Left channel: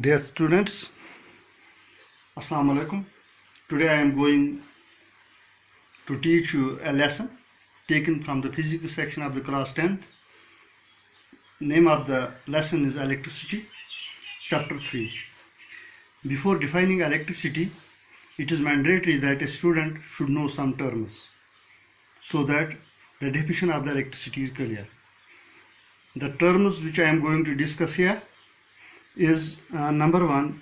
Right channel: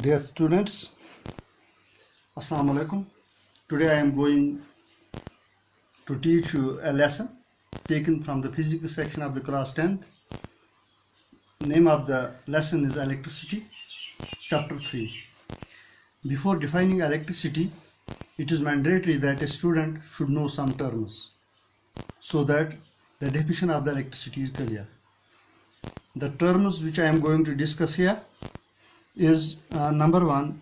Dear students, Assalamu alaikum. Today I am going to teach you a lesson taken from the physics section of the class 10th. Name of the lesson is electricity, chapter 3. Before defining electricity, it is mandatory that a student should know some terms so that the definition of the electricity is clear. The terms which I am going to discuss here is number one,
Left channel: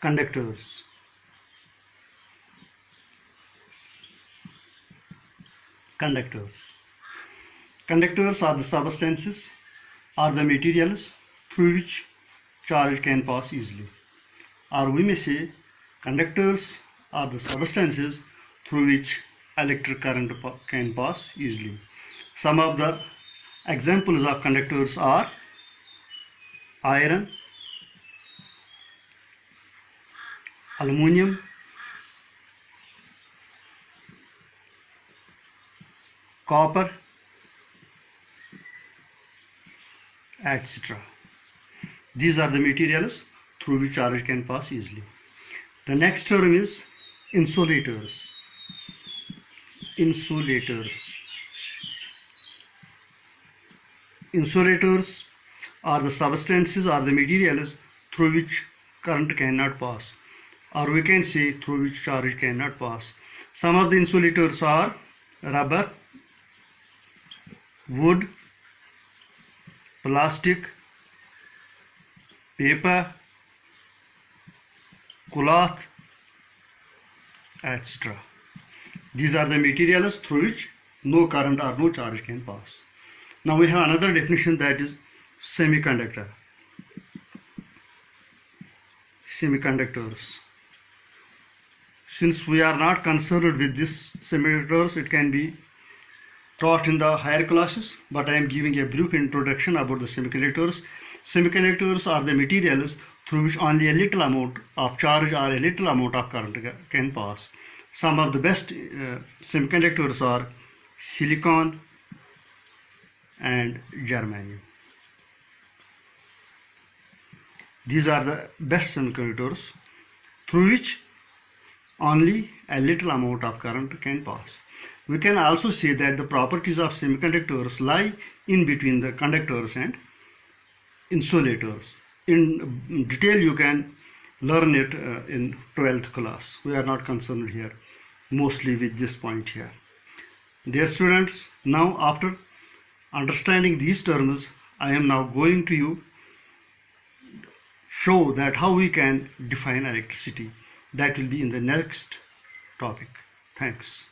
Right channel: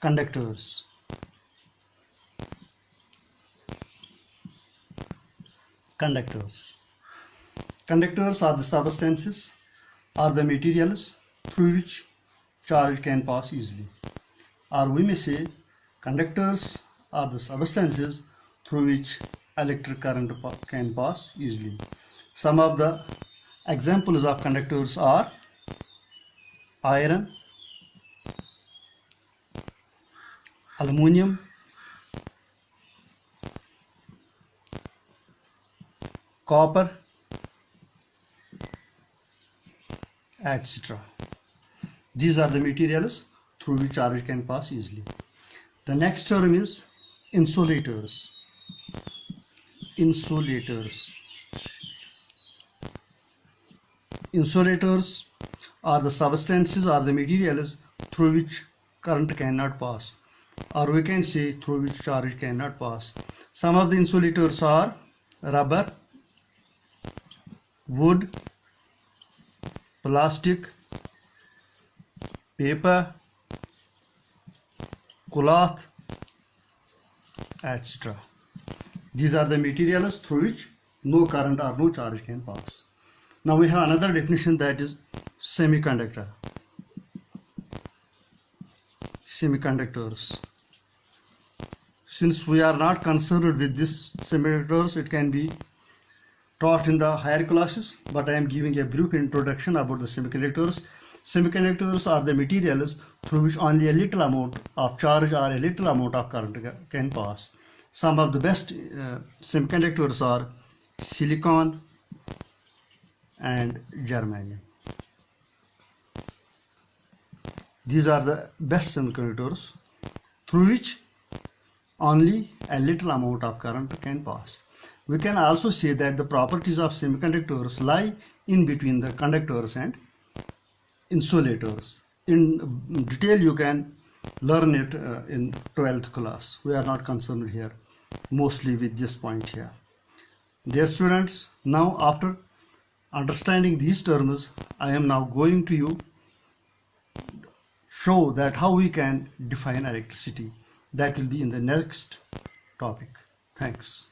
conductors. Conductors are the substances or the materials through which charge can pass easily. Or we may say conductors are the substances through which electric current can pass easily. Some of the examples of conductors are iron, aluminum, copper, etc. These are the materials through which charge can pass easily. The next term is insulators. Insulators are the substances or the materials through which current cannot pass, or we can say through which charge cannot pass. Some of the insulators are rubber, wood, plastic, paper, cloth, etc. These are the materials through which no current or no charge can pass. Now we have another definition, that is semiconductor. Semiconductors. Since we are not concerned with this semiconductors, it can be taught in the higher classes, but I am giving a brief introduction about the semiconductors. Semiconductors are the materials through which only a little amount of charge or a little amount of current can pass. Some of the best semiconductors are silicon and germanium. These are the best semiconductors through which only a little amount of current can pass. We can also say that the properties of semiconductors lie in between the conductors and insulators. In detail you can learn it in 12th class. We are not concerned here mostly with this point here. Dear students, now after understanding these terms, I am now going to show that how we can define electricity. That will be in the next topic. Thanks.